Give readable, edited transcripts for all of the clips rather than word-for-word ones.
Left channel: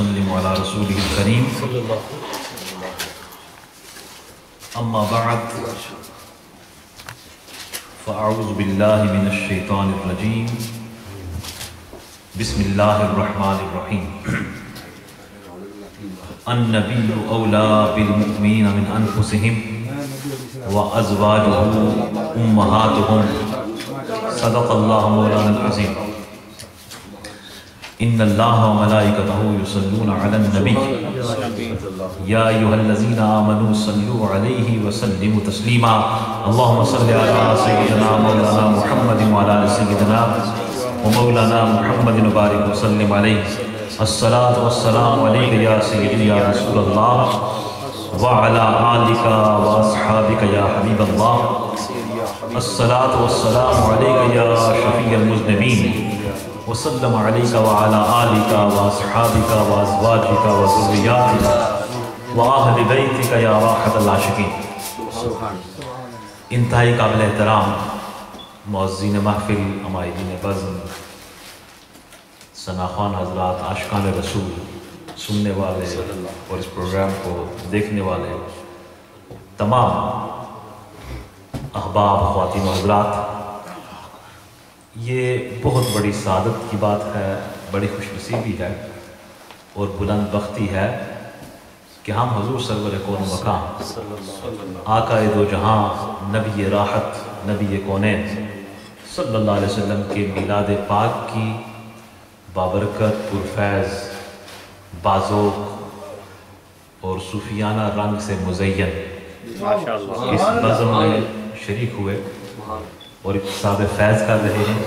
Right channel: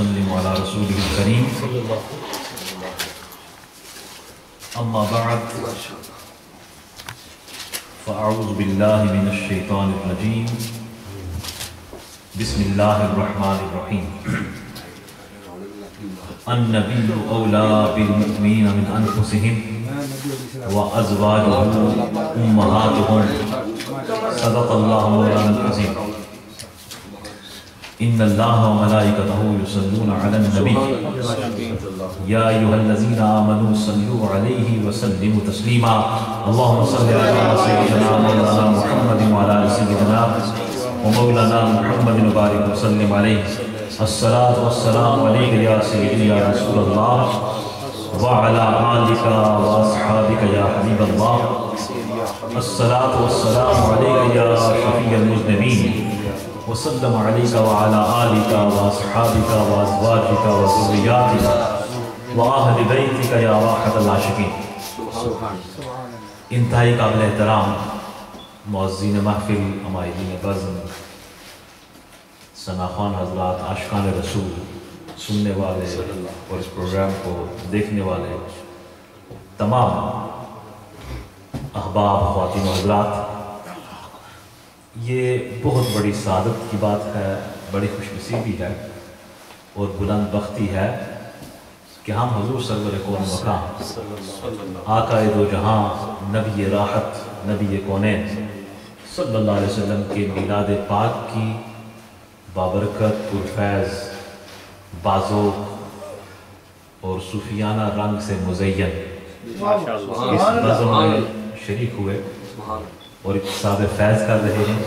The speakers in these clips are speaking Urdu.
وسلم علی رسولہ الکریم اما بعد فاعوذ باللہ من الشیطان الرجیم بسم اللہ الرحمن الرحیم النبی اولی بالمؤمنین من انفسهم وازواجہ امہاتہم صدق اللہ مولانا العظیم ان اللہ وملائکتہ یصلون علی النبی یا ایھا الذین آمنوا صلوا علیہ وسلموا تسلیما اللہم صل علی سیدنا مولانا محمد وعلی آل سیدنا ومولانا محمد وبارک وسلم علیہ الصلاۃ والسلام علیک یا سیدی یا رسول اللہ وعلی آلک واصحابک یا حبیب اللہ الصلاۃ والسلام علیک یا شفیع المذنبین وسلم علیک وعلی آلک واصحابک وازواجک وذریاتک وآہل بیتک یا راحت العاشقین۔ انتہائی قابل احترام معززین محفل، عمائدین بزم، ثناخوان حضرات، عاشقان رسول، سننے والے اور اس پروگرام کو دیکھنے والے تمام احباب، خواتین و حضرات، یہ بہت بڑی سعادت کی بات ہے، بڑی خوش نصیبی ہے اور بلند بختی ہے کہ ہم حضور سرور کون مقام آقا دو جہاں، نبی راحت، نبی کونین صلی اللہ علیہ وسلم کے میلاد پاک کی بابرکت، پرفیض، بازوق اور صوفیانہ رنگ سے مزین اس بزم میں شریک ہوئے اور اکتساب فیض کر رہے ہیں۔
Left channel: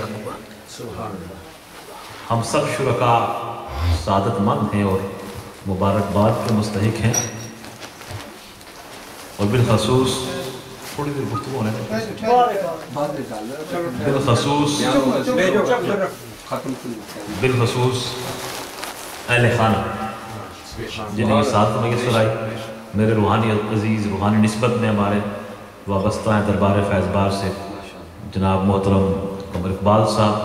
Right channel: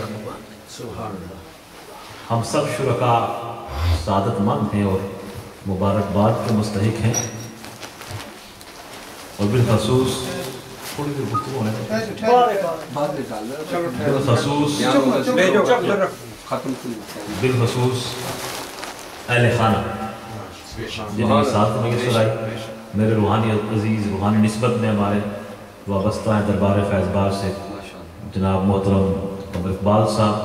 ہم سب شرکاء سعادت مند ہیں اور مبارکباد کے مستحق ہیں، اور بالخصوص بالخصوص اہل خانہ جنہیں ساتھ میسر آئی، میرے روحانی عزیز، روحانی نسبت میں ہمارے وابستہ ہیں دربار فیض بار سے جناب محترم قمر اقبال صاحب،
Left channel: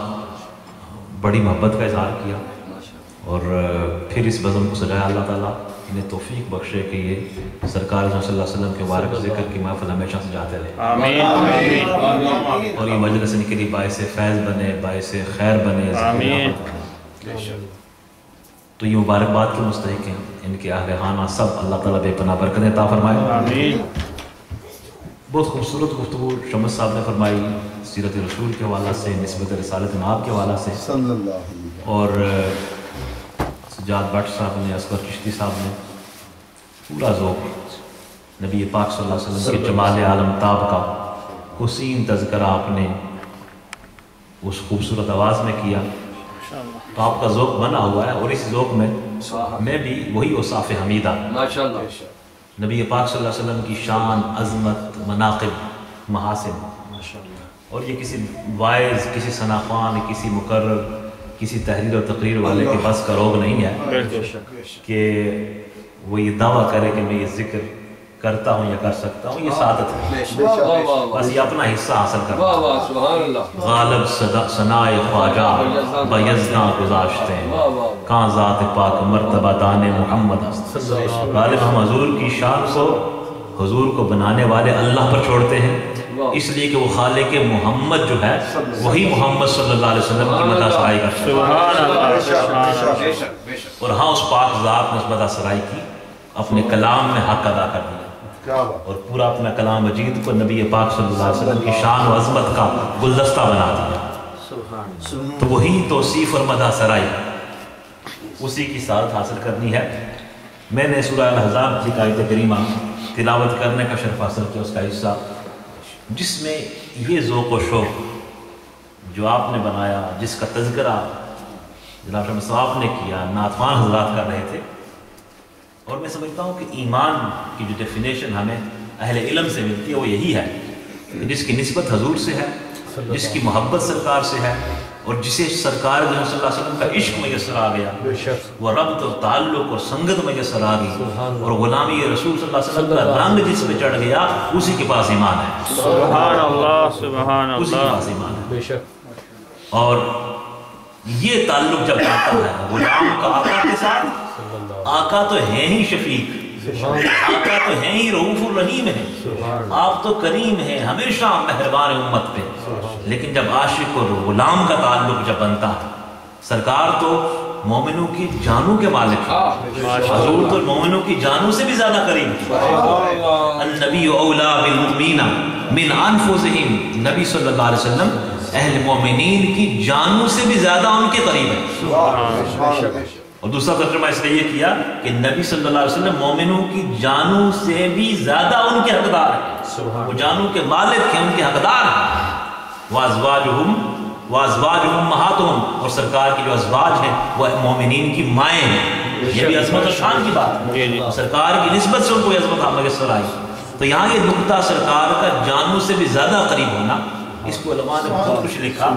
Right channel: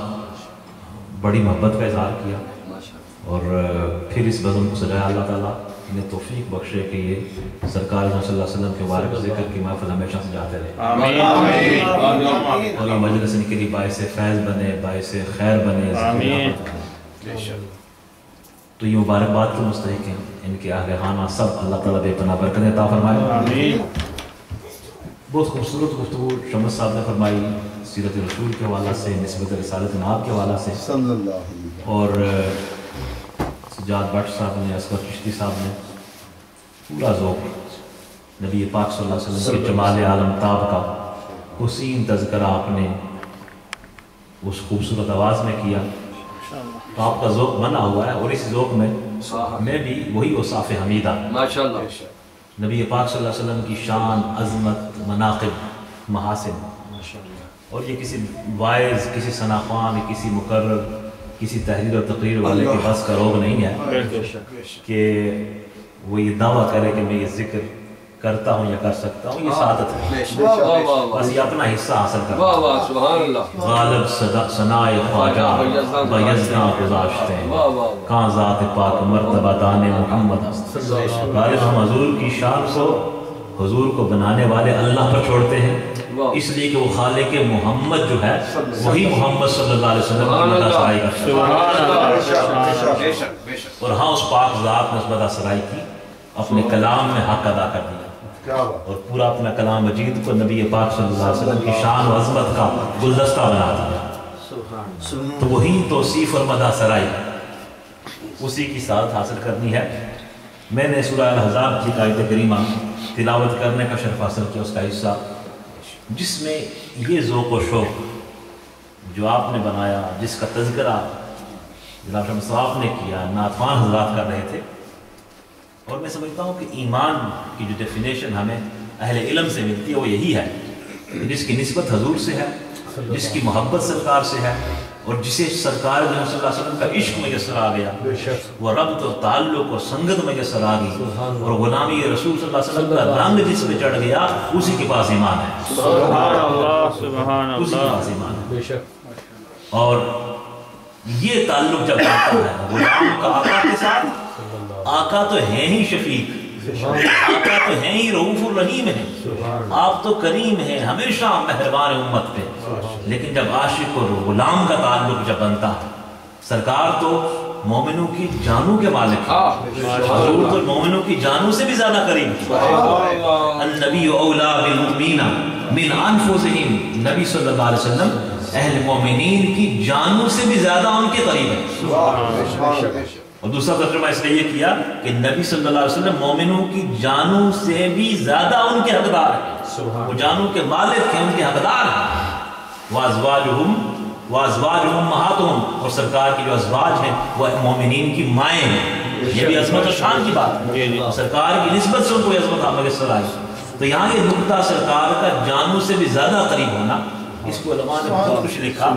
بڑی محبت کا اظہار کیا اور پھر اس بزم کو سجایا۔ اللہ تعالیٰ انہیں توفیق بخشے کہ یہ سرکار صلی اللہ علیہ وسلم کے مبارک ذکر کی محفل ہمیشہ سجاتے رہے اور یہ مجلس ان کے لیے باعث فیض بنے، باعث خیر بنے، تو یہ مبارکباد کے مستحق ہیں۔ ان کے اہل خانہ سب اللہ تعالیٰ بے پناہ برکت عطا فرمائے۔ بہت خوبصورت گفتگو شمس صاحب نے فرمائی سیرت رسول کے حوالہ سے، نسبت رسالت ناب کے حوالہ سے، اور سجاد بٹ صاحب نے، اصغر چشتی صاحب نے پورا ذوق نبی پاک صلی اللہ علیہ وسلم کے جمال عالم تاب کا حسین تذکرہ آپ نے اس خوبصورت آواز میں کیا، تو آپ کا ذوق بنا ہوا ہے، اور اس ذوق میں بھی وہی اوصاف حمیدہ نبی پاک صلی اللہ علیہ وسلم کی شان، عظمت، مناقب، محاسن، اور یہ کسی وائز، کسی ثناخوان، کسی مقرر، کسی تحریر و تقریر والے کے بس کا روگ نہیں ہے کہ وہ یہ دعویٰ کرے کہ میں یہ ذکر کرتا ہوں یا کر سکتا ہوں۔ یہ سعادت ہے، بس یہ اپنا حصہ حاصل کرتا ہے۔ غالب ثنائے خواجہ بیزنا گزاشتے ہیں، کہاں ذات پاک مرتبہ دان محمد ہست۔ غالب ہم حضور کی شان کو، حضور کو بنانے والے اللہ پر چھوڑتے ہیں، اس لیے کہ وہ خالق محمد جو ہے وہی محمد صلی اللہ علیہ وسلم کی مدح سرائی کرتا ہے، اور ہاں اس پاک ذات نے اس مدح سرائی کی اپنے کلام میں حق ادا کر دیا، اور پورا اپنا کلام مجید کو نبی پاک صلی اللہ علیہ وسلم کی شان و عظمت کا گلدستہ بنا دیا۔ تو وہی توصیف اور مدح سرائی، اسی کی سعادت حاصل کرنی ہے۔ میں نے سورہ الاحزاب کی آیت کریمہ تلاوت کرنے کا شرف حاصل کیا، اس کا حصہ جس میں یہ ذوق و شوق جو آپ نے بنایا، جس کا تذکرہ جناب شمس صاحب نے کیا، نعتوان حضرات کر رہے تھے، اور میں سمجھتا ہوں کہ ایمان کی جو ڈیفینیشن ہمیں اہل علم سے ملتی ہے وہ یہی ہے کہ جس کی نسبت حضور سے ہے، جس کی محبت سرکار سے ہے، اور جسے سرکار صلی اللہ علیہ وسلم کا عشق میسر آ گیا، وہ ربط اور تعلق اور سنگت میسر آ گئی، اور غلامی رسول صلی اللہ علیہ وسلم کا رنگ جس پہ چڑھ گیا، اسی کے پاس ایمان ہے۔ سبحان اللہ، سبحان اللہ، اسی کے پاس ایمان ہے۔ اور یہ تعلق جب آتا ہے غلام کا آقا کے ساتھ، آقا تو ہیں ہی شفیق، آقا تو ہیں ہی رؤوف الرحیم ہیں، آپ تو کریم ہیں، ہمیشہ مہربان امت پہ. لیکن جب عاشق اور غلام کا تعلق جب بنتا ہے، سرکار تو مومنوں کی جانوں کے مالک ہیں، حضور تو مومنوں کی جانوں سے بھی زیادہ قریب ہیں. النبی اولا بالمؤمنین من انفسہم، نبی صلی اللہ علیہ وسلم اہل مومنین کی جانوں سے بھی زیادہ ان کے قریب ہیں. اور دوسرا ترجمہ اس نے یہ کیا کہ نبی صلی اللہ علیہ وسلم مومنوں کی جانوں سے بھی زیادہ ان کے حقدار ہیں، وہ جانوں کے مالک ہیں، ان کے حقدار ہیں. وازواجہم امہاتہم، اور سرکار کی جو ازواج ہیں وہ مومنین کی مائیں ہیں. یہ بھی عظمت و شان کی بات ہے، سرکار کی نسبت سے ان کو عظمت میسر آئی. تو یہاں یہ نقطہ سرکار کا جانوں سے بھی زیادہ قریب ہونا، اس کو علماء نے بہت کچھ لکھا،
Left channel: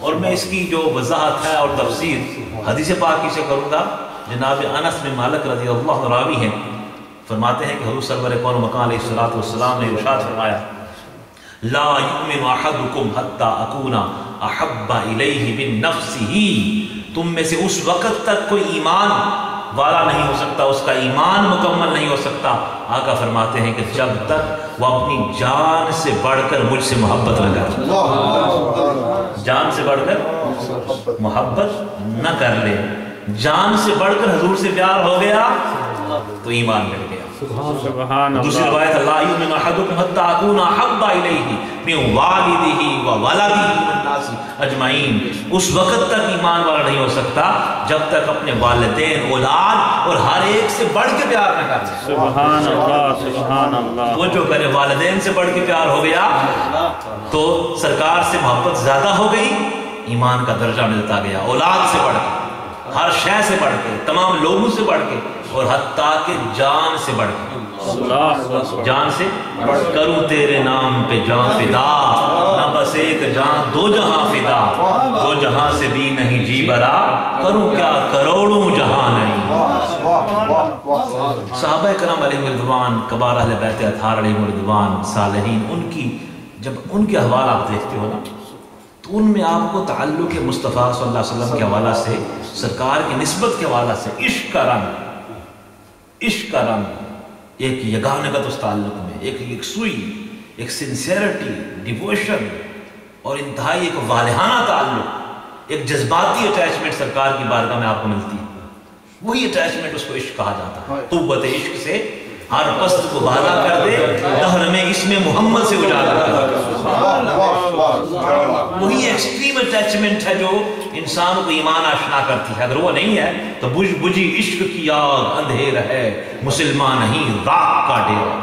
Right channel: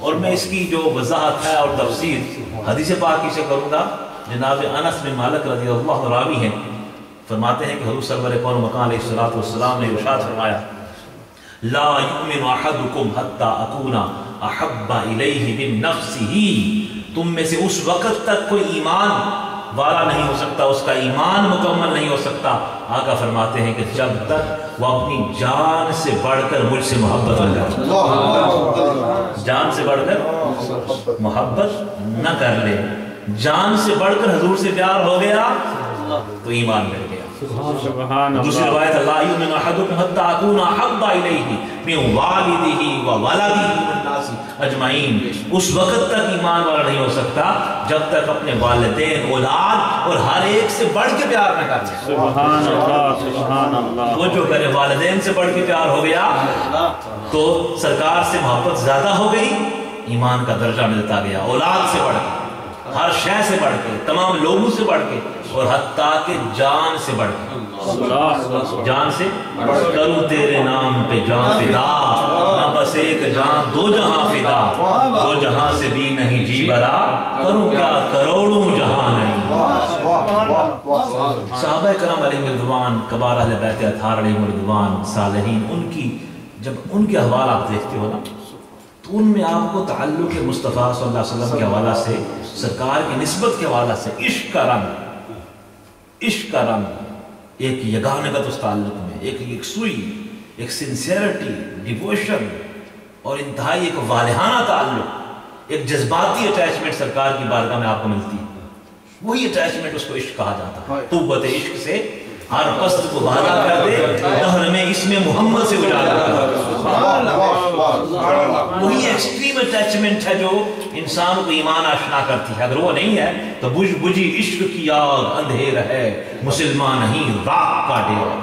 اور میں اس کی جو وضاحت ہے اور تفسیر حدیث پاک سے کروں گا. جناب انس بن مالک رضی اللہ عنہ راوی ہیں، فرماتے ہیں کہ حضور سرور کون مکان علیہ الصلوۃ والسلام نے ارشاد فرمایا لا یؤمن احدکم حتی اکون احب الیہ من نفسہ، تم میں سے اس وقت تک کوئی ایمان والا نہیں ہو سکتا، اس کا ایمان مکمل نہیں ہو سکتا. آقا فرماتے ہیں کہ جب تک وہ اپنی جان سے بڑھ کر مجھ سے محبت نہ کر، جان سے بڑھ کر محبت نہ کر لے. جان سے بڑھ کر حضور سے پیار ہو گیا تو ایمان مل گیا. دوسری روایت لا یؤمن احدکم حتی اکون احب الیہ من والدہ وولدہ والناس اجمعین، اس وقت تک ایمان والا نہیں ہو سکتا جب تک اپنے والدین، اولاد اور ہر ایک سے بڑھ کے پیار نہ کر لے. سبحان اللہ سبحان اللہ. وہ جو کرے والدین سے بڑھ کے پیار ہو گیا تو سرکار سے محبت زیادہ ہو گئی، ایمان کا درجہ ملتا گیا. اولاد سے بڑھ کے، ہر شے سے بڑھ کے، تمام لوگوں سے بڑھ کے، اور حتیٰ کہ جان سے بڑھ کے. جان سے کروں تیرے نام پہ جان فدا، نہ بس ایک جان دو جہاں فدا، دو جہاں سے بھی نہیں جی برا، کروں کیا کروڑوں جہاں نہیں. صحابہ کرام علیہ رضوان، کبار اہل بیت اطہار علیہ رضوان، صالحین، ان کی جب ان کے حوال آپ دیکھتے ہو نا تو ان میں آپ کو تعلق مصطفیٰ صلی اللہ علیہ وسلم کے حوالہ سے، سرکار کی نسبت کے حوالہ سے عشق کا رنگ، عشق کا رنگ، ایک یگانگت اس تعلق میں، ایک یکسوئی، ایک سنسیرٹی، ڈیووشن، اور انتہائی ایک والہانہ تعلق، ایک جذباتی اٹیچمنٹ سرکار کی بارگاہ میں آپ کو ملتی ہے. وہی اٹیچمنٹ اس کو عشق کہا جاتا ہے. قوت عشق سے ہر پست کو بالا کر دے، دہر میں اس میں محمد سے اجالا کر دے. وہی ایکسٹریم اٹیچمنٹ ہے جو انسان کو ایمان آشنا کرتی ہے. اگر وہ نہیں ہے تو بجھ بجھی عشق کی آگ اندھیر ہے، مسلمان نہیں راک کا ڈیرا.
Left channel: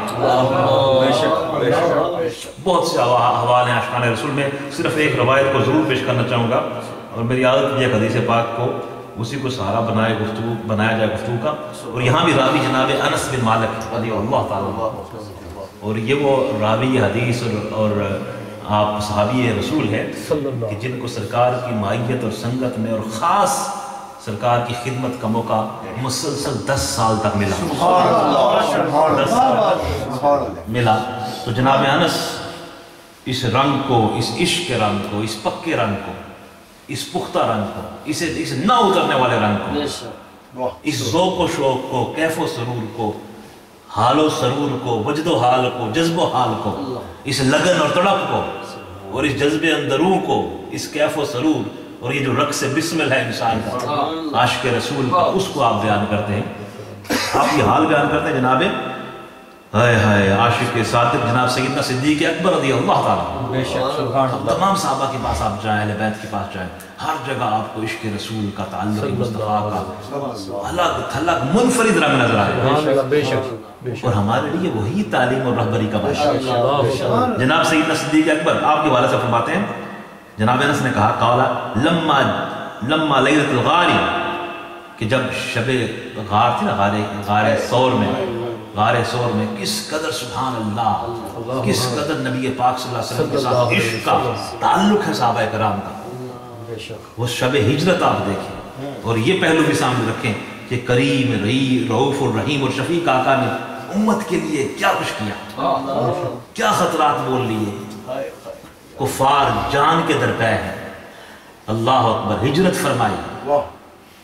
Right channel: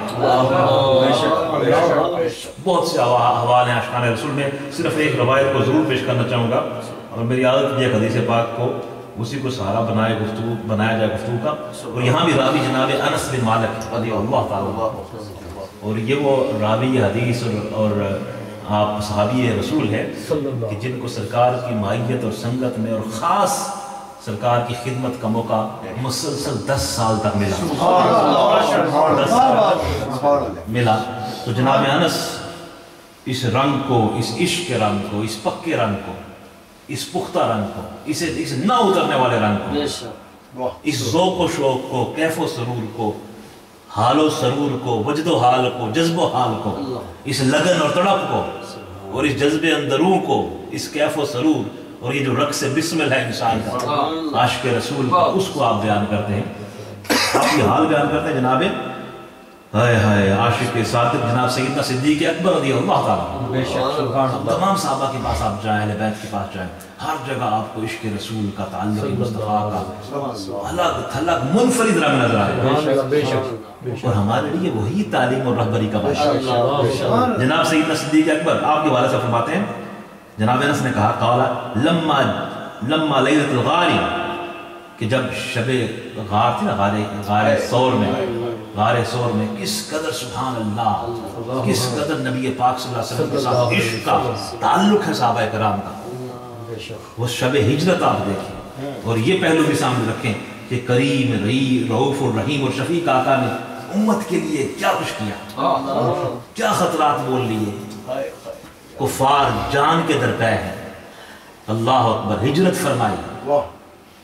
بہت سے حوالے ہیں اشعار رسول میں، صرف ایک روایت کو ضرور پیش کرنا چاہوں گا، اور میری عادت یہ حدیث پاک کو اسی کو سہارا بنایا جائے گفتگو کا. اور یہاں بھی راوی جناب انس بن مالک رضی اللہ تعالیٰ، اور یہ وہ راوی حدیث اور آپ صحابی رسول ہیں کہ جن کو سرکار کی معیت اور سنگت میں اور خاص سرکار کی خدمت کا موقع مسلسل 10 سال تک ملا. تو جناب انس اس رنگ کو، اس عشق کے رنگ کو، اس پکے رنگ کو، اس پختہ رنگ کو، اس نہ اترنے والے رنگ کو، اس ذوق و شوق کو، کیف و سرور کو، حال و سرور کو، وجد و حال کو، جذب و حال کو، اس لگن اور تڑپ کو، اور اس جذب اندروں کو، اس کیف و سرور، اور یہ جو رقص بسمل ہے انسان کا، عاشق رسول کا، اس کو آپ بیان کرتے ہیں. آپ یہ حال بیان کرتے ہیں جناب ہائے ہائے عاشق صادق جناب سیدنا صدیق اکبر رضی اللہ تعالیٰ. تمام صحابہ کے پاس آپ جائیں، اہل بیت کے پاس جائیں، ہر جگہ آپ کو عشق رسول کا، تعلق مصطفیٰ کا الگ تھلگ منفرد رنگ نظر آئے. اور ہمارے لیے وہی تعلیم اور رہبری کا باعث. جناب سیدنا صدیق اکبر آپ کے والد سے فرماتے ہیں، جناب انس نے کہا قالا لما لیلۃ الغار، کہ جب شب غار تھی نا، غار سور میں کس قدر سبحان اللہ، کس قدر نبی پاک صلی اللہ علیہ وسلم کے ساتھ عشق کا تعلق ہے صحابہ کرام کا. وہ شب ہجرت آپ دیکھیں، اور یہ پہلو بھی سامنے رکھیں کہ کریم، رؤوف الرحیم اور شفیق آقا نے امت کے لیے کیا کچھ کیا، کیا خطرات بول لیے. کفار جان کے درپے ہیں، اللہ اکبر، ہجرت فرمائی،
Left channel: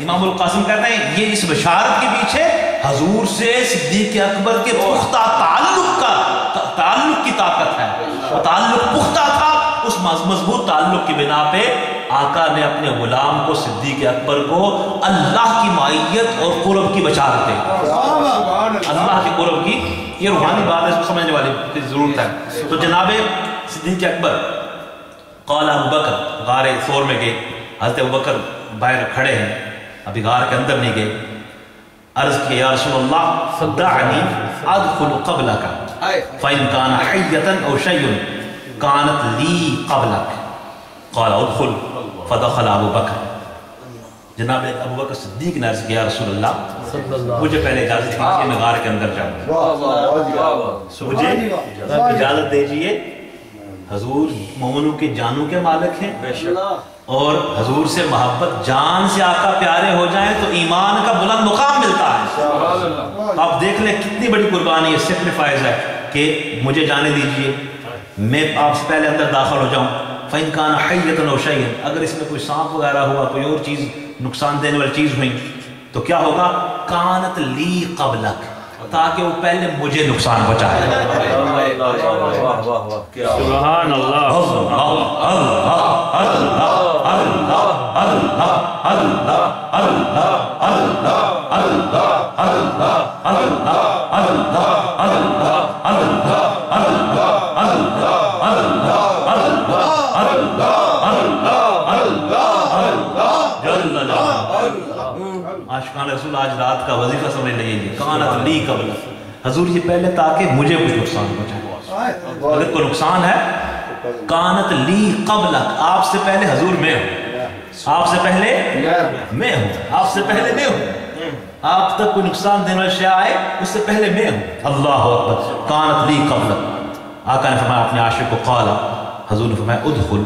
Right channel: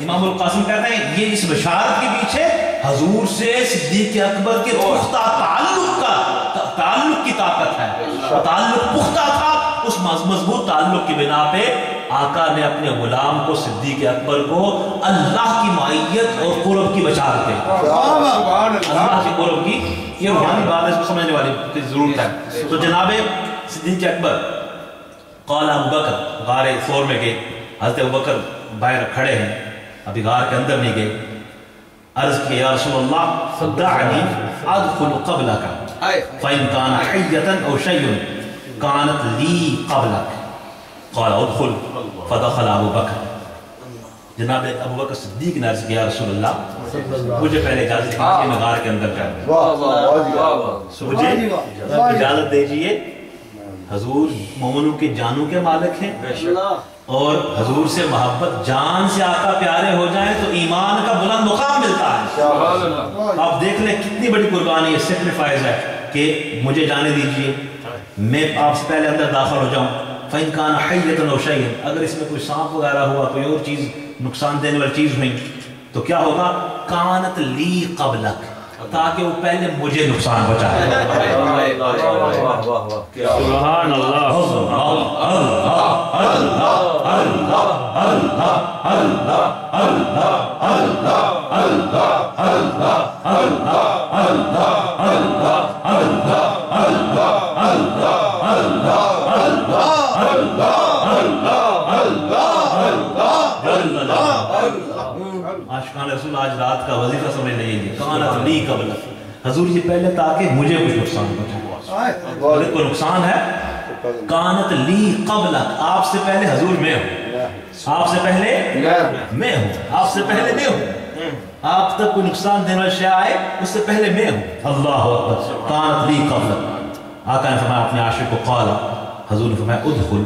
امام القاسم کہتے ہیں یہ اس بشارت کے پیچھے حضور سے صدیق اکبر کے پختہ تعلق کی طاقت ہے. تعلق پختہ تھا، اس مضبوط تعلق کی بنا پہ آقا نے اپنے غلام کو صدیق اکبر کو اللہ کی معیت اور قرب کی بشارت دی. اللہ کے قرب کی، یہ روحانی بات ہے، اس کو سمجھنے والی ضرورت ہے. تو جناب صدیق اکبر قال ابو بکر، غار ثور میں گئے، حضرت ابو بکر باہر کھڑے ہیں، ابھی غار کے اندر نہیں گئے. عرض کیا یا رسول اللہ دعنی ادخل قبلک فإن كان حية أو شيء كانت لي قبلك قال ادخل فدخل ابو بکر. جناب ابو بکر صدیق نے عرض کیا یا رسول اللہ مجھے پہلے اجازت دیجیے کہ میں غار کے اندر جاؤں. مجھے اجازت دیجیے، حضور مومنوں کے جانوں کے مالک ہیں، اور حضور سے محبت جان سے آقا پیارے ہو جائیں تو ایمان کا بلند مقام ملتا ہے. آپ دیکھ لیں کتنی بڑی قربانی ہے، سیکریفائز ہے کہ مجھے جانے دیجئے، میں آپ سے پہلے اندر داخل ہو جاؤں. فَإِن كَانَ حَيَّةً أَوْ شَيْءٍ، اگر اس میں کوئی سانپ وغیرہ ہوا، کوئی اور چیز نقصان دینے والی چیز ہوئی تو کیا ہوگا؟ كَانَتْ لِي قَبْلَكَ، تاکہ وہ پہلے مجھے نقصان پہنچائے. سبحان اللہ. عاشقان رسول آج رات کا وظیفہ سمجھ لیجیے، کانت لی قبل، حضور یہ پہلے تاکہ مجھے کچھ نقصان پہنچائے. اگر کوئی نقصان ہے، کانت لی قبلک، آپ سے پہلے حضور میں ہوں، آپ سے پہلے میں ہوں، آپ سے پہلے میں ہوں، آپ تک کوئی نقصان دینے والا شے آئے اس سے پہلے میں ہوں. اللہ اکبر. کانت لی قبلک، آقا نے فرمایا اپنے عاشق کو قال، حضور نے فرمایا ادخل،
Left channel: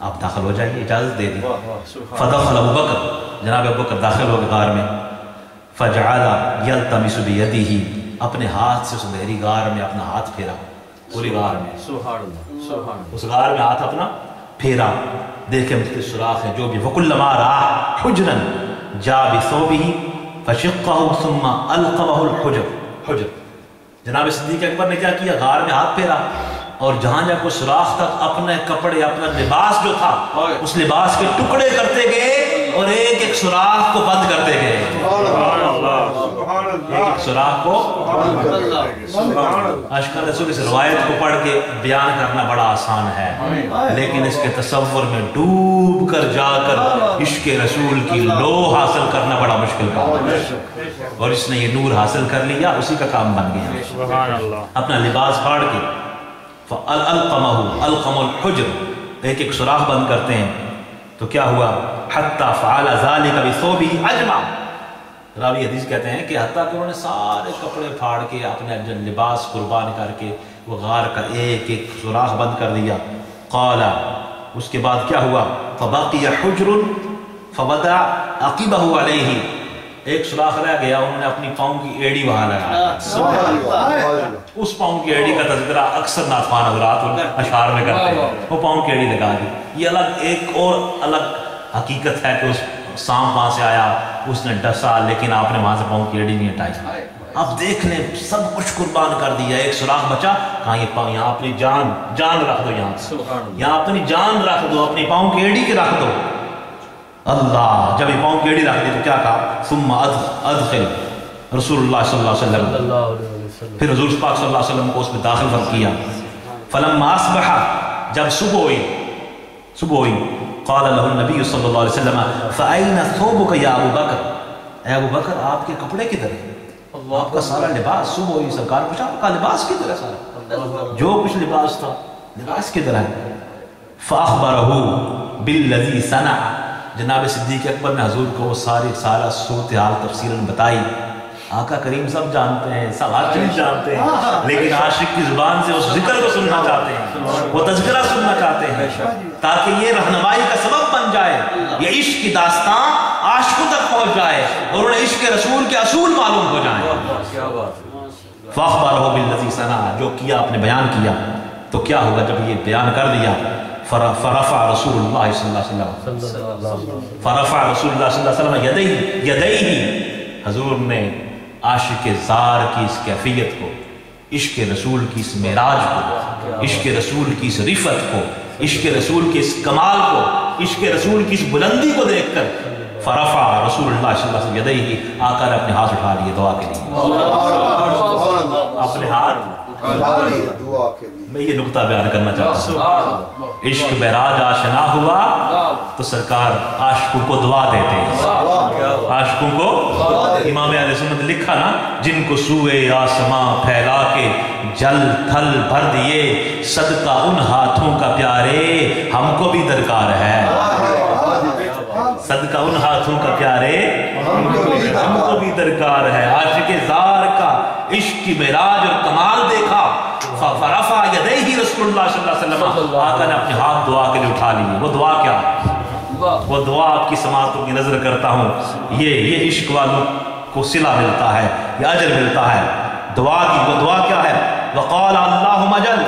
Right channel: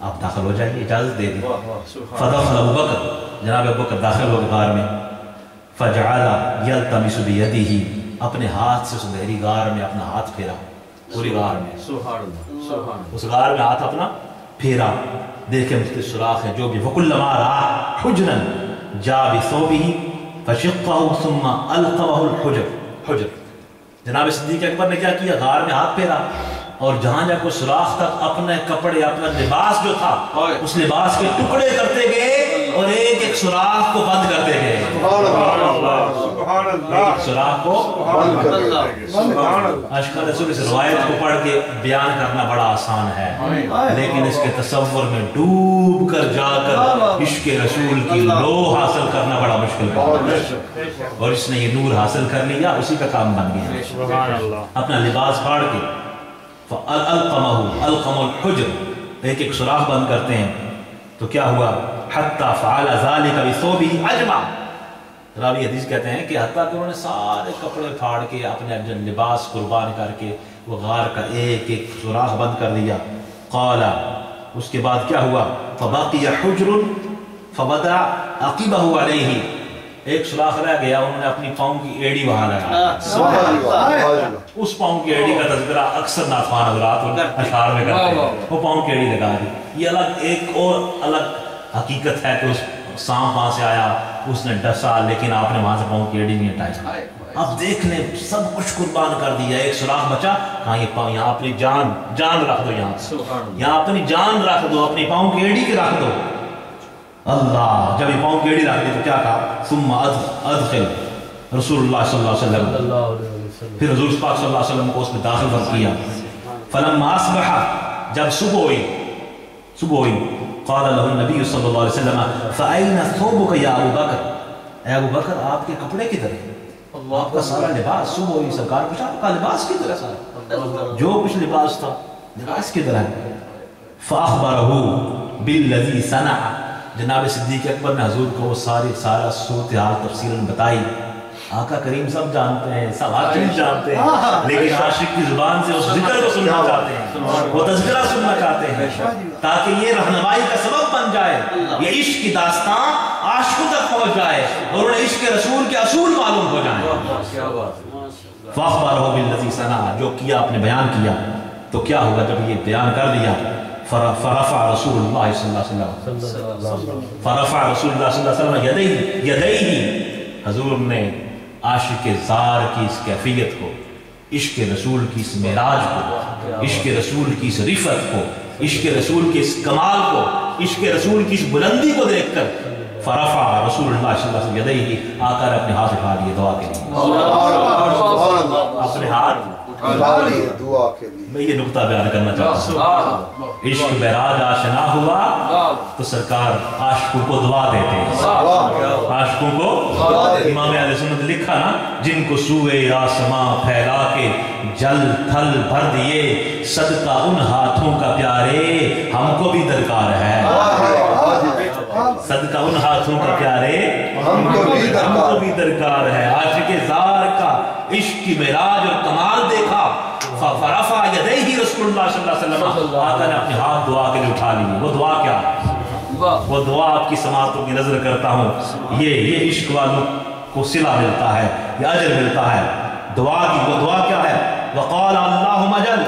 آپ داخل ہو جائیے، اجازت دے دی. فدخل ابو بکر، جناب ابو بکر داخل ہو گئے غار میں. فجعل یلتمس بیدہ، اپنے ہاتھ سے اس اندھیری غار میں اپنا ہاتھ پھیرا، پوری غار میں اس غار میں ہاتھ اپنا پھیرا، دیکھے مختلف سوراخ ہیں جو بھی. فکلما رأى حجرا جاء بثوبہ فشقہ ثم القمہ الحجر. جناب صدیق اکبر نے کیا کیا؟ غار میں ہاتھ پھیرا اور جہاں جا کوئی سوراخ تک اپنے کپڑے، اپنا لباس جو تھا اس لباس کے ٹکڑے کرتے گئے اور ایک ایک سوراخ کو بند کرتے گئے. ایک سوراخ کو عاشقان رسول اس روایت کو پڑھ کے بیان کرنا بڑا آسان ہے، لیکن اس کے تصور میں ڈوب کر جا کر عشق رسول کی لو حاصل کرنا بڑا مشکل کام ہے. اور اس نے یہ نور حاصل کر لیا، اسی کا کام بن گیا. اپنا لباس پھاڑ کے القم الحجر، ایک ایک سوراخ بند کرتے ہیں. تو کیا ہوا؟ حتی فعل ذلک بثوبہ اجمع. راوی حدیث کہتے ہیں کہ حتیٰ کہ انہوں نے سارے کپڑے پھاڑ کے اپنے لباس قربان کر کے وہ غار کا ایک ایک سوراخ بند کر دیا. قال، اس کے بعد کیا ہوا؟ فبقی حجر فوضع عقبہ علیہ، ایک سوراخ رہ گیا، انہوں نے اپنی پاؤں کی ایڑی وہاں لگا. اس پاؤں کی ایڑی کا تذکرہ اکثر ناتوان حضرات اشعار میں کرتے ہیں، وہ پاؤں کی ایڑی لگا دی. یہ الگ ایک اور الگ حقیقت ہے کہ اس سانپ وہاں سے آیا، اس نے ڈسا، لیکن آپ نے وہاں سے پاؤں کی ایڑی نہیں ہٹائی. اب دیکھ لیں سب کچھ قربان کر دیا، ایک سوراخ بچا، کہاں یہ پاؤں، یہاں اپنی جان رکھ دو، یہاں اپنی جان رکھ دو، اپنی پاؤں کی ایڑی کے رکھ دو. اللہ جب یہ پاؤں کی ایڑی رکھ دی تو کیا کہا؟ ثم ادخل رسول اللہ صلی اللہ علیہ وسلم، پھر حضور پاک صلی اللہ علیہ وسلم کو اس میں داخل کیا. فلما اصبح، جب صبح ہوئی، قال له النبی صلی اللہ علیہ وسلم فأین ثوبک یا ابو بکر، اے ابو بکر آپ کے کپڑے کدھر ہیں؟ آپ کا سارا لباس. صبح ہوئی، سرکار پوچھا آپ کا لباس کدھر ہے؟ سارا جو کچھ لباس تھا، لباس کدھر ہے؟ فأخبرہ بالذی صنع، جناب صدیق اکبر نے حضور کو سارا صورتحال تفصیلاً بتائی. آقا کریم سب جانتے ہیں، سب ہر چیز جانتے ہیں، لیکن عاشق کی زبان سے اس ذکر کو سننا چاہتے ہیں، وہ تذکرہ سننا چاہتے ہیں، تاکہ یہ رہنمائی کا سبب بن جائے، یہ عشق کی داستان عاشقوں تک پہنچ جائے اور انہیں عشق رسول کے اصول معلوم ہو جائیں. فاخبرہ بالذی صنع، جو کیا آپ نے بیان کیا. تو کیا ہوگا جب یہ بیان کر دیا؟ فرفع رسول اللہ صلی اللہ علیہ وسلم فرفع رسول اللہ صلی اللہ علیہ وسلم یدیہ، حضور نے عاشق زار کی اس کیفیت کو، عشق رسول کی اس معراج کو، عشق رسول کی اس رفعت کو، عشق رسول کے اس کمال کو، عشق رسول کی اس بلندی کو دیکھ کر فرفع رسول اللہ صلی اللہ علیہ وسلم یدیہ، آقا نے اپنے ہاتھ اٹھا لیے دعا کے لیے، اپنے ہاتھ دعا کے لیے۔ میں یہ نقطہ بیان کرنا چاہتا ہوں، عشق معراج آشنا ہوا تو سرکار عاشقوں کو دعا دیتے ہیں، عاشقوں کو امام اہل سنت لکھا نا، جن کو سوئے آسماں پھیلا کے جل تھل بھر دیے، صدقہ ان ہاتھوں کا پیارے ہم کو بھی درکار ہے، صدقہ ان ہاتھوں کا پیارے ہم کو بھی درکار ہے۔ عاشق زار کا عشق کی معراج اور کمال دیکھا، فرفع یدیہ رسول اللہ صلی اللہ علیہ وسلم، آقا نے اپنے ہاتھ دعا کے لیے اٹھا لیے۔ وہ دعا کیا؟ وہ دعا آپ کی سماعتوں کی نظر کرتا ہوں، یہ عشق والوں کو صلہ ملتا ہے، یہ اجر ملتا ہے دعا کی۔ وہ دعا کیا ہے؟ وقال اللہم اجل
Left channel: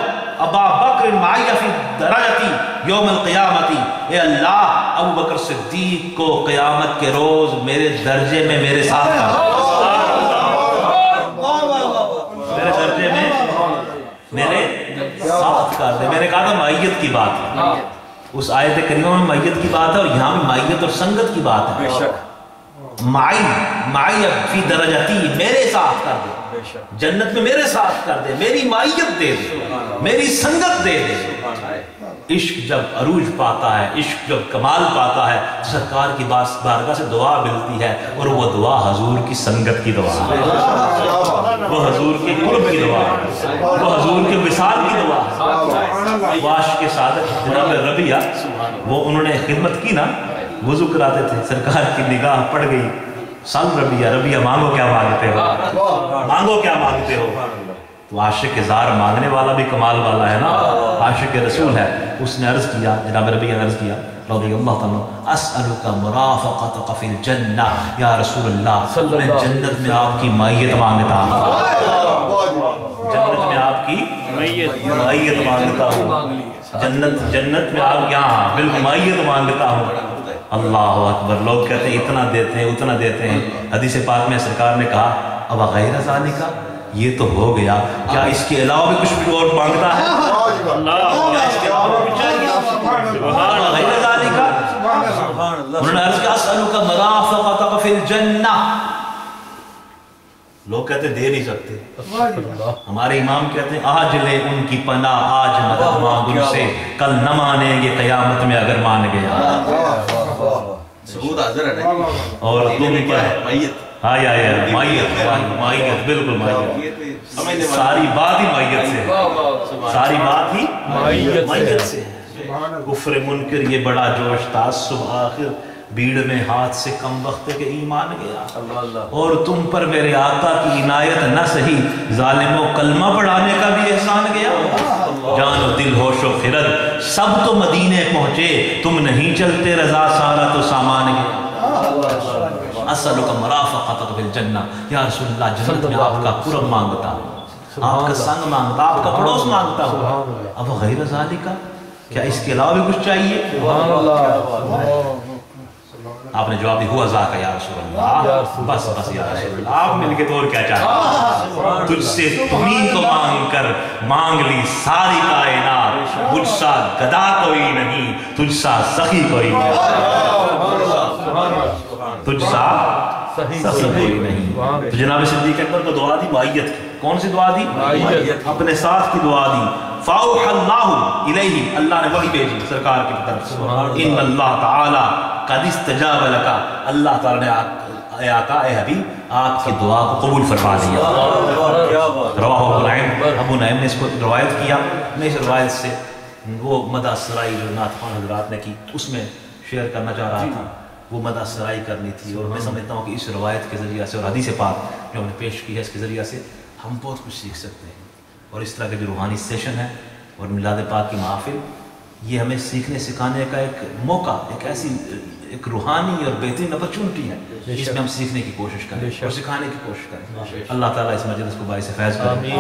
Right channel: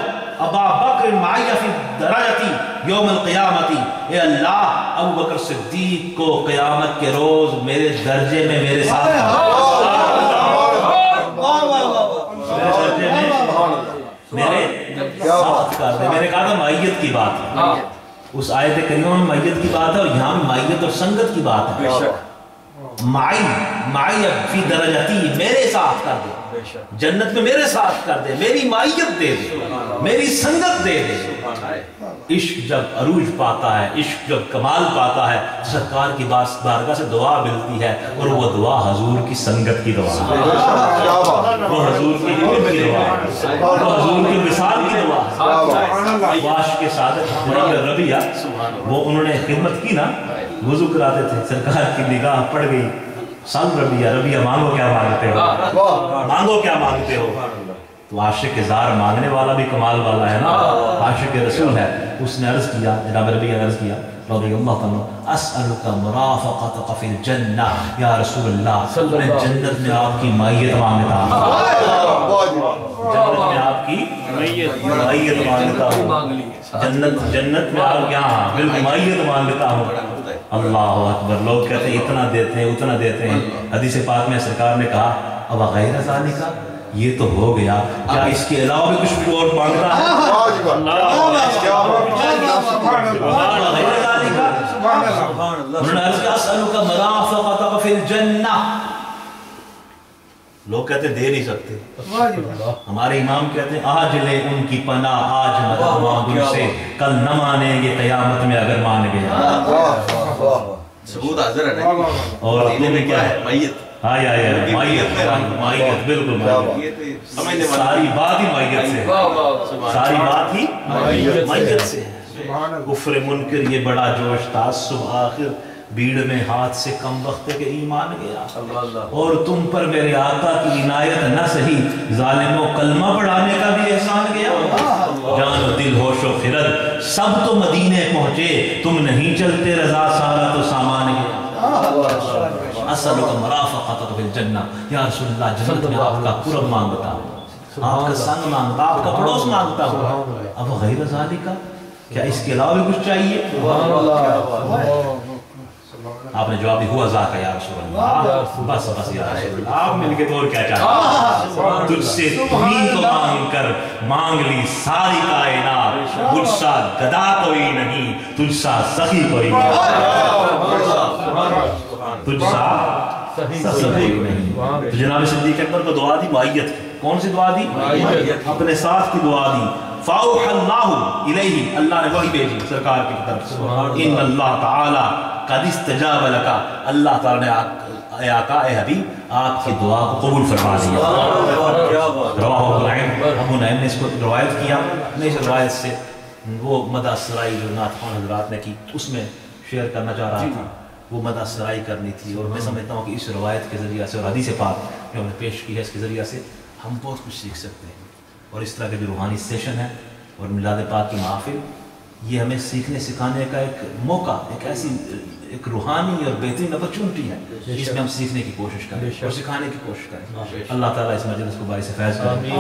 ابا بکر معی فی درجتی یوم القیامتی، اے اللہ ابو بکر صدیق کو قیامت کے روز میرے درجے میں میرے ساتھ میرے درجے میں میرے ساتھ کر دے۔ میں نے کہا تھا معیت کی بات ہے، اس آیت کریمہ میں معیت کی بات ہے، اور یہاں بھی معیت اور سنگت کی بات ہے۔ معی فی درجتی، میرے ساتھ کر دے، جنت میں میرے ساتھ کر دے، میری معیت دے دے، میری سنگت دے دے۔ عشق جب عروج پاتا ہے، عشق جب کمال پاتا ہے، سرکار کی بارگاہ سے دعا ملتی ہے، اور وہ دعا حضور کی سنگت کی دعا ہے، وہ حضور کی قرب کی دعا ہے، وہ حضور کی وصال کی دعا ہے۔ عاشق صادق جناب ربیہ، وہ انہوں نے خدمت کی نا، وضو کراتے تھے، سرکار کی نگاہ پڑ گئی، سن ربیہ، ربیہ مانگو کیا مانگتے ہو، مانگو کیا مانگتے ہو؟ تو عاشق زار مانگنے والا بھی کمال والا ہے نا، عاشق رسول ہے۔ اس نے عرض کیا، جناب ربیہ نے عرض کیا رضی اللہ تعالیٰ، اسألک مرافقتک فی الجنہ، یا رسول اللہ میں جنت میں آپ کی معیت مانگتا ہوں، جنت میں آپ کی معیت مانگتا ہوں، جنت میں آپ یہاں بالکل معیت مانگتا ہوں۔ اللہ اکبر، لوگ کہتے ہیں اتنا دیتے ہیں اتنا دیتے ہیں، حدیث پاک میں سرکار نے کہا اب غیر ذالک، یہ تو ہو گیا، کیا اس کے علاوہ بھی کچھ اور مانگتا ہے؟ غیر ذالک، انہوں نے عرض کیا اسألک مرافقتک فی الجنہ، لوگ کہتے دے نہیں سکتے، ہمارے امام کہتے ہیں آج لے ان کی پناہ، آج مدد مانگ ان سے، کل نہ مانیں گے قیامت میں اگر مان گیا۔ ثبوت حاضر ہے نا، اور اردو میں کیا ہے؟ میت، معیت، بالکل معیت، ساری بات ہی معیت سے، ساری بات ہی معیت سے ہے۔ کفر منکر یہ بڑا جوش تھا، صبح آخر بھیڑ میں ہاتھ سے کم وقت کے ایمان گیا، اور تم پر میرے آقا کی عنایت نہ سہی، ظالموں کلمہ پڑھانے کا بھی احسان گیا، جان و دل ہوش و خرد سب تو مدینے پہنچے، تم نہیں چلتے رضا سارا تو سامان گیا۔ اسألک مرافقتک فی الجنہ، یا رسول اللہ جنت میں آپ کا قرب مانگتا ہوں، آپ کا سنگ مانگتا، آپ کا پڑوس مانگتا ہوں، اب غیر ذالک، کیا اس کے علاوہ بھی کچھ چاہیے؟ آپ نے جواب دی ہوا ذاکا یا رسول اللہ، بس یا رسول اللہ، آپ مل کے اور کیا چاہتے؟ تجھ سے تمہیں کو مانگ کر مانگ لی ساری کائنات، مجھ سا گدا کوئی نہیں، تجھ سا سخی کوئی نہیں، تجھ سا سخی کوئی نہیں۔ جناب صدیق اکبر کو دعا دی معیت کی، کون سی دعا دی؟ اپنے ساتھ کی دعا دی۔ فَأَوْحَى اللَّهُ إِلَيْهِ، اللہ نے وحی بھیجی سرکار کی طرف سے، ان اللہ تعالی قد استجاب لکا، اللہ تعالی نے اے آقا اے حبیب آپ کی دعا کو قبول فرما لیا۔ رواہ ابو نعیم، ابو نعیم نے اس کو روایت کیا۔ میں اس روایت سے وہ مدح سرائی جو نعت خوان حضرات نے کی اس میں شیئر کرنا چاہ رہا تھا، وہ مدح سرائی کرنی تھی، اور میں سمجھتا ہوں کہ اس روایت کے ذریعہ سے اور حدیث پاک جو ہم نے پیش کی ہے اس کے ذریعہ سے ہم بہت کچھ سیکھ سکتے ہیں، اور اس طرح کے جو روحانی سیشن ہے اور میلاد پاک کی محافل یہ ہمیں سیکھنے سکھانے کا ایک موقع، ایک ایسی ایک روحانی اور بہترین اپرچونٹی ہے جس میں ہم سیکھنے کی کوشش کریں اور سکھانے کی کوشش کریں۔ اللہ تعالیٰ اس مجلس کو باعث فیض کرے،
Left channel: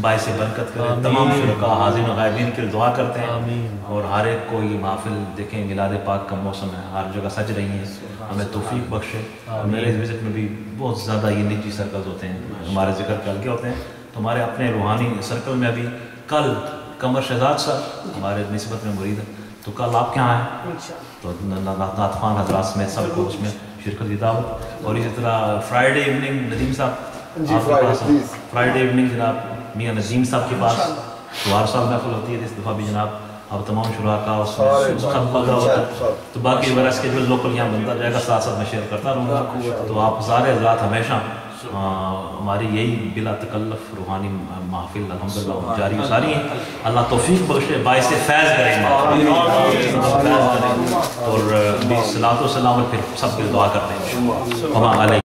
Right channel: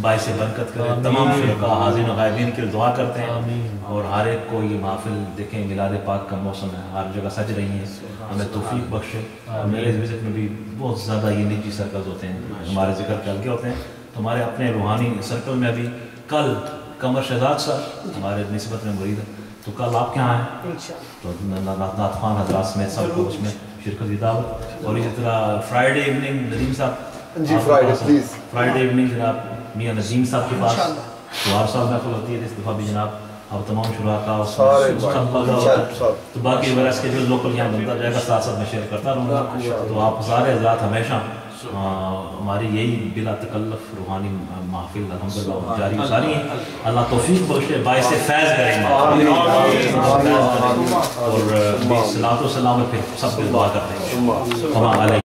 باعث برکت کرے۔ تمام شرکاء حاضرین و غائبین کے لیے دعا کرتے ہیں، اور ہر ایک کو یہ محفل دیکھیں، میلاد پاک کا موسم ہے، ہر جگہ سج رہی ہیں، ہمیں توفیق بخشے۔ میرے اس وزٹ میں بھی بہت زیادہ یہ نجی سرکلز ہوتے ہیں، ہمارے ذکر کے ہلکے ہوتے ہیں، تو ہمارے اپنے روحانی سرکل میں ابھی کل قمر شہزاد صاحب ہمارے نسبت میں مرید ہیں، تو کل آپ کے یہاں ہیں تو نعت خوان حضرات سمیت سب کو اس میں شرکت کی دعوت۔ اور اسی طرح فرائیڈے ایوننگ ندیم صاحب جی فرائیڈے ایوننگ جناب میاں ندیم صاحب کے پاس تو ہر سال محفل ہوتی ہے، اس دفعہ بھی جناب اب تمام شرکاء اس تو باقی برس کے جو لوکل یہاں بنتا جائے گا ساتھ ساتھ میں شیئر کرتا رہوں گا۔ تو آپ سارے حضرات ہمیشہ ہماری یہی بلا تکلف روحانی محفل الحمدللہ جاری و ساری ہیں، اللہ توفیق بخشے، باعث فیض کریں اور صلاۃ و سلام پھر سب کے دعا کرتے ہیں۔